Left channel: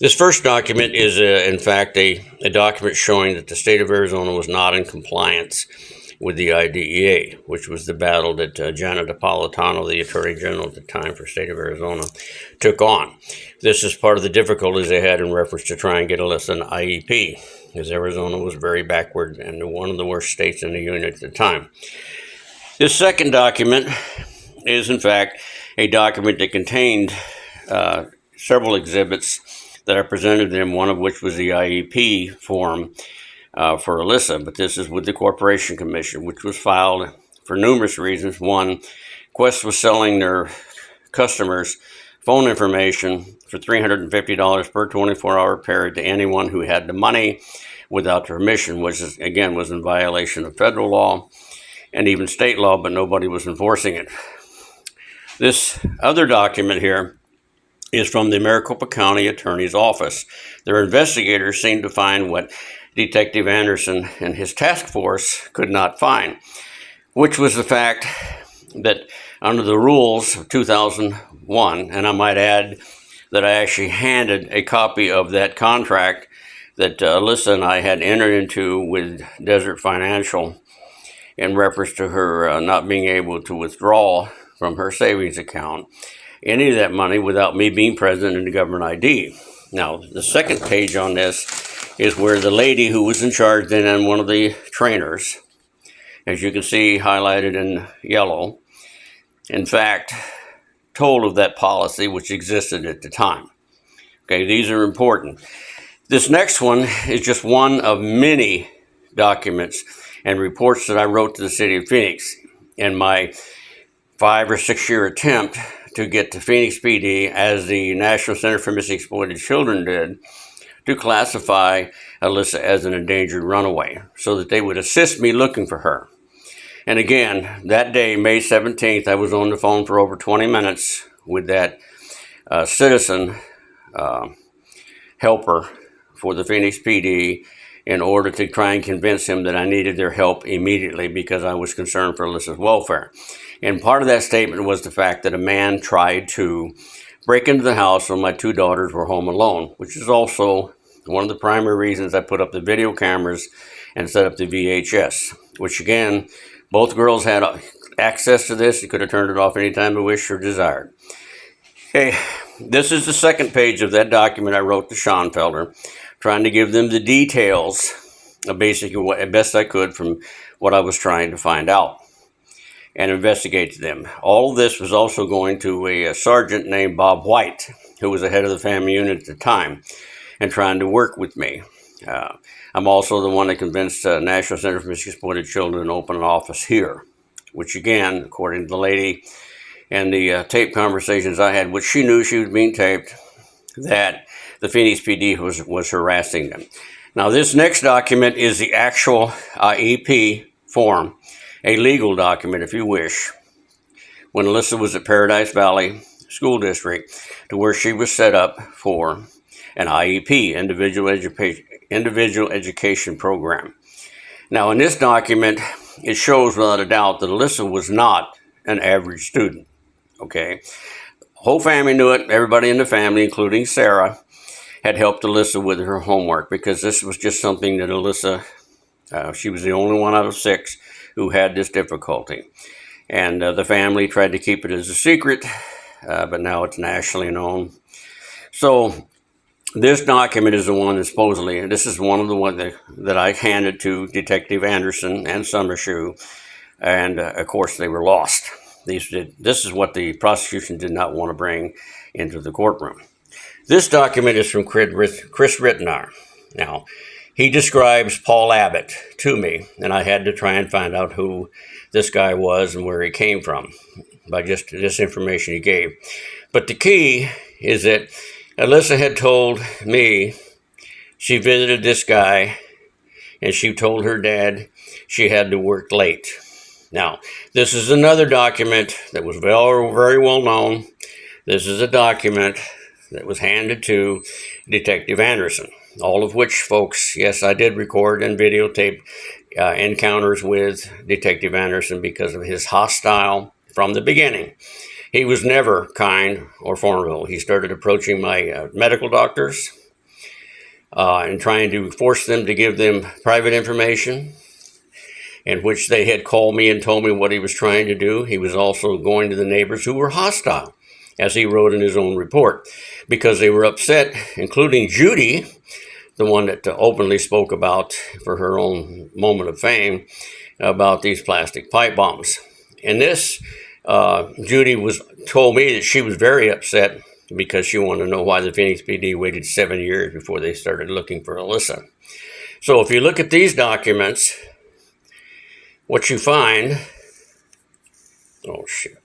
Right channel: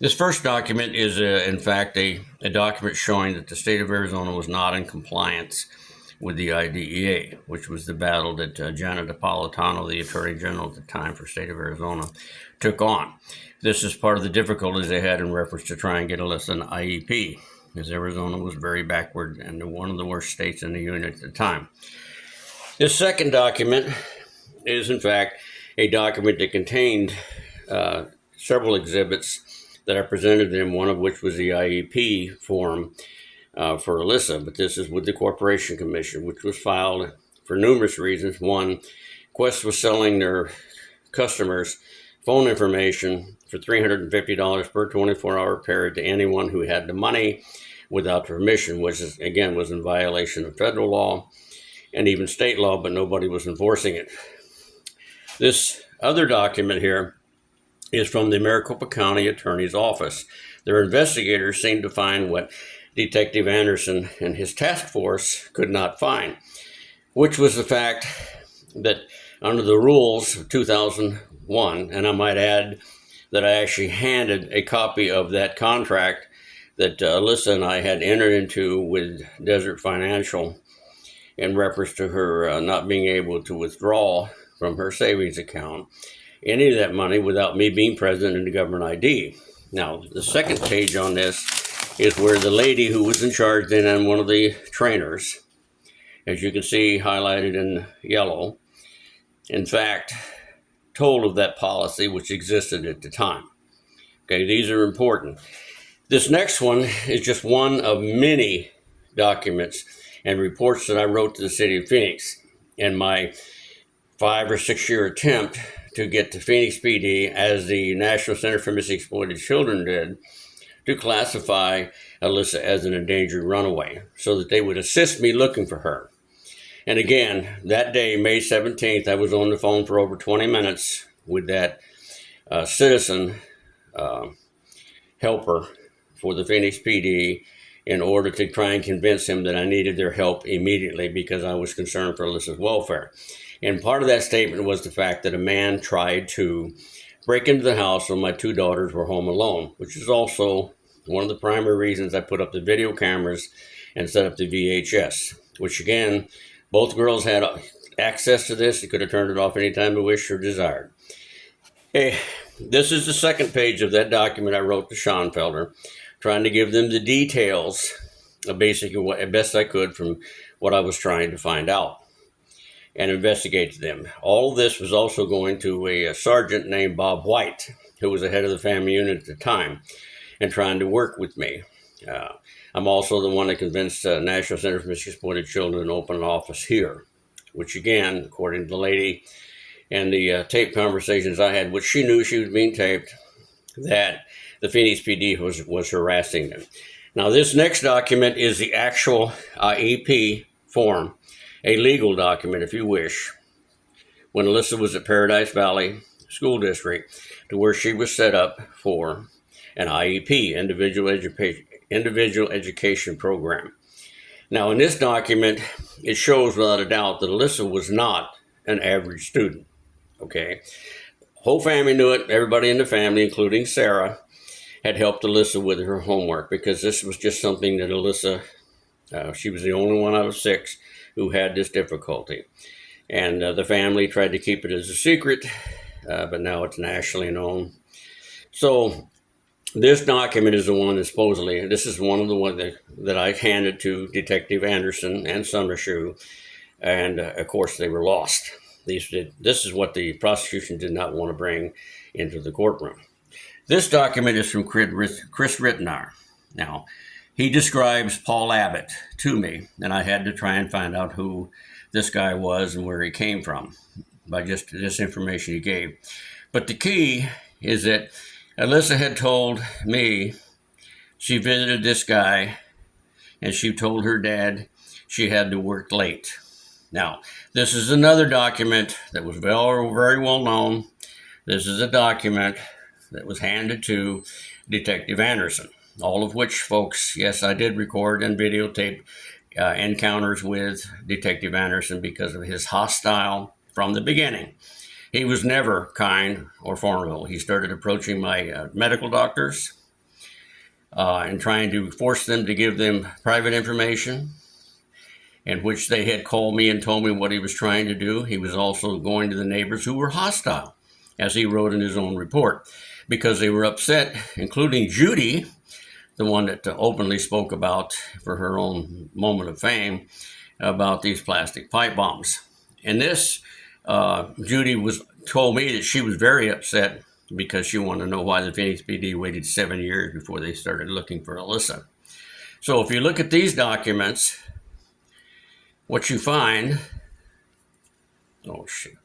This first document is, in fact, a document showing that the state of Arizona was not in compliance with the IDEA, which was the battle that Janet Napolitano, the Attorney General at the time for the state of Arizona, took on. This is part of the difficulties they had in reference to try and get Alyssa an IEP, because Arizona was very backward and one of the worst states in the union at the time. This second document is, in fact, a document that contained several exhibits that I presented them, one of which was the IEP form for Alyssa, but this is with the Corporation Commission, which was filed for numerous reasons. One, Quest was selling their customers phone information for $350 per 24-hour period to anyone who had the money without permission, which is, again, was in violation of federal law and even state law, but nobody was enforcing it. This other document here is from the Maricopa County Attorney's Office. Their investigators seemed to find what Detective Anderson and his task force could not find, which was the fact that under the rules of 2001, and I might add that I actually handed a copy of that contract that Alyssa and I had entered into with Desert Financial in reference to her not being able to withdraw from her savings account any of that money without me being present in the government ID. Now, the second page on this is where the lady who was in charge then and one of the trainers, as you can see highlighted in yellow, in fact, told of that policy which existed at the time. Okay, these are important. This next one is just one of many documents and reports that I wrote to the city of Phoenix in my 5 or 6 year attempt to get to Phoenix PD, as the National Center for Missing Exploited Children did, to classify Alyssa as an endangered runaway so that they would assist me looking for her. And again, that day, May 17th, I was on the phone for over 20 minutes with that citizen helper for the Phoenix PD in order to try and convince him that I needed their help immediately because I was concerned for Alyssa's welfare. And part of that statement was the fact that a man tried to break into the house when my 2 daughters were home alone, which is also one of the primary reasons I put up the video cameras and set up the VHS, which again, both girls had access to this. You could have turned it off anytime they wished or desired. Okay, this is the second page of that document I wrote to Schoenfelder, trying to give them the details of basically what best I could from what I was trying to find out and investigate them. All of this was also going to a sergeant named Bob White, who was the head of the family unit at the time, and trying to work with me. I'm also the one that convinced National Center for Missing Exploited Children to open an office here, which again, according to the lady and the tape conversations I had, which she knew she was being taped, that the Phoenix PD was harassing them. Now, this next document is the actual IEP form, a legal document, if you wish, when Alyssa was at Paradise Valley School District, to where she was set up for an IEP, individual education program. Now, in this document, it shows without a doubt that Alyssa was not an average student, okay? Whole family knew it. Everybody in the family, including Sarah, had helped Alyssa with her homework because this was just something that Alyssa, she was the only one out of 6 who had this difficulty. And the family tried to keep it as a secret, but now it's nationally known. So this document is the one that supposedly, this is one of the ones that I handed to Detective Anderson and Summershoe, and of course they were lost. This is what the prosecution did not want to bring into the courtroom. This document is from Chris Rittenauer. Now, he describes Paul Abbott to me, and I had to try and find out who this guy was and where he came from by just this information he gave. But the key is that Alyssa had told me she visited this guy and she told her dad she had to work late. Now, this is another document that was very well known. This is a document that was handed to Detective Anderson. All of which, folks, yes, I did record and videotape encounters with Detective Anderson because of his hostile from the beginning. He was never kind or formidable. He started approaching my medical doctors and trying to force them to give them private information, in which they had called me and told me what he was trying to do. He was also going to the neighbors who were hostile, as he wrote in his own report, because they were upset, including Judy, the one that openly spoke about, for her own moment of fame, about these plastic pipe bombs. And this, Judy told me that she was very upset because she wanted to know why the Phoenix PD waited 7 years before they started looking for Alyssa. So if you look at these documents, what you find, oh shit,